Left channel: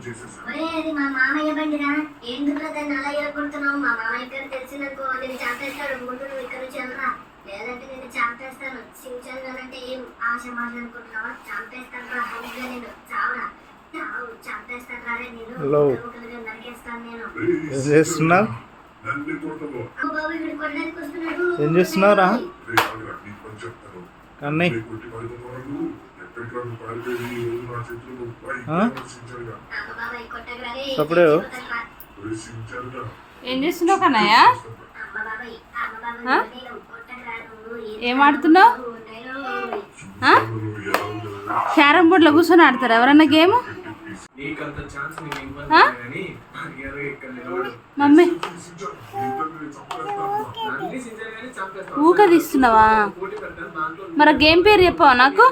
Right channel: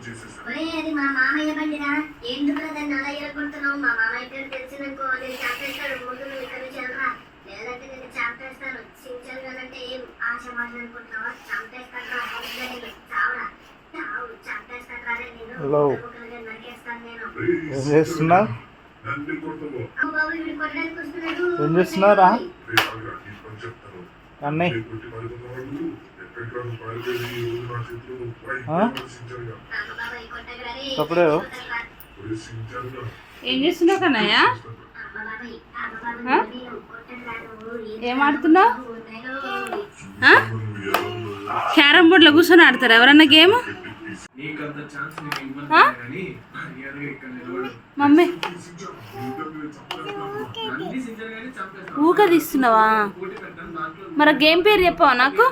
ఒరే అది మా మామయ్య బండిరా. ఎందుకు దాన్ని అలా ఎరగొడుతున్నావు మా మామయ్య పేరు తెలిసిందనుకో నేను చంపేస్తాడు ముందు నువ్వు ఇక్కడ నుంచి వెళ్ళరా. లేదంటే నేను చంపేస్తాను. చించానంటే ఏం ఆశ చంపేస్తాను రా నేను. చావరా. చావు చంపేస్తాను రా నేను. Hello. ముక్కలుగా నరికేస్తాను నేను. ఏం చేస్తున్నావు? చేస్తున్నావురా? అన్నయ్య. అప్పుడే ఏం చేస్తున్నావు కన్నయ్య? ఏం ఆడుతున్నావు? క్యారమ్ బోర్డులో కూర్చొని ఆడతారు ఎవరన్నా గేమ్? మమ్మీ. ఊక తీస్తున్నావా? మరి గేమ్ పేరు చెప్పావా నాకు?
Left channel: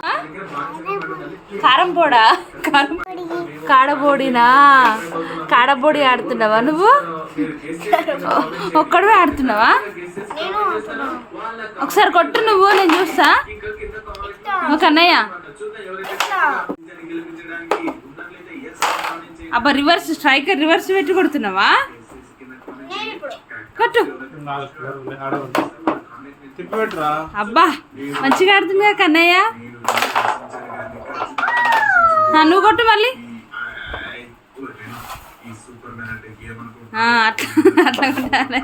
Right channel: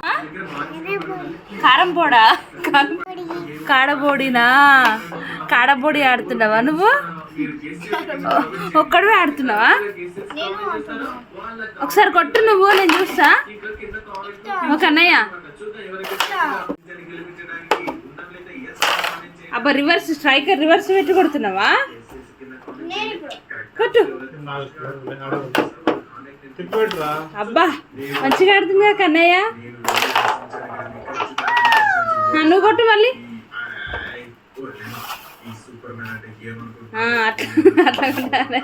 కారం పొడా? కారం కాడబోడినా? కాడబోడి ఆడుతున్నావా నువ్వు? ఒక్కడవే ఒక్కడివే ఆడుతున్నావా? ఒకసారి కొట్టు నువ్వు నేను చూస్తా. ఇంకా ఒక అన్నయ్య. అబ్బా రివర్స్ స్ట్రైకర్ రివర్స్ పెట్టి కొడుతున్నావా? కట్టు. అబ్బా మంచిగా ఆడుతుంది కదా కన్నయ్య. నన్ను నువ్వు కొట్టు మళ్ళీ. అట్లా అట్లా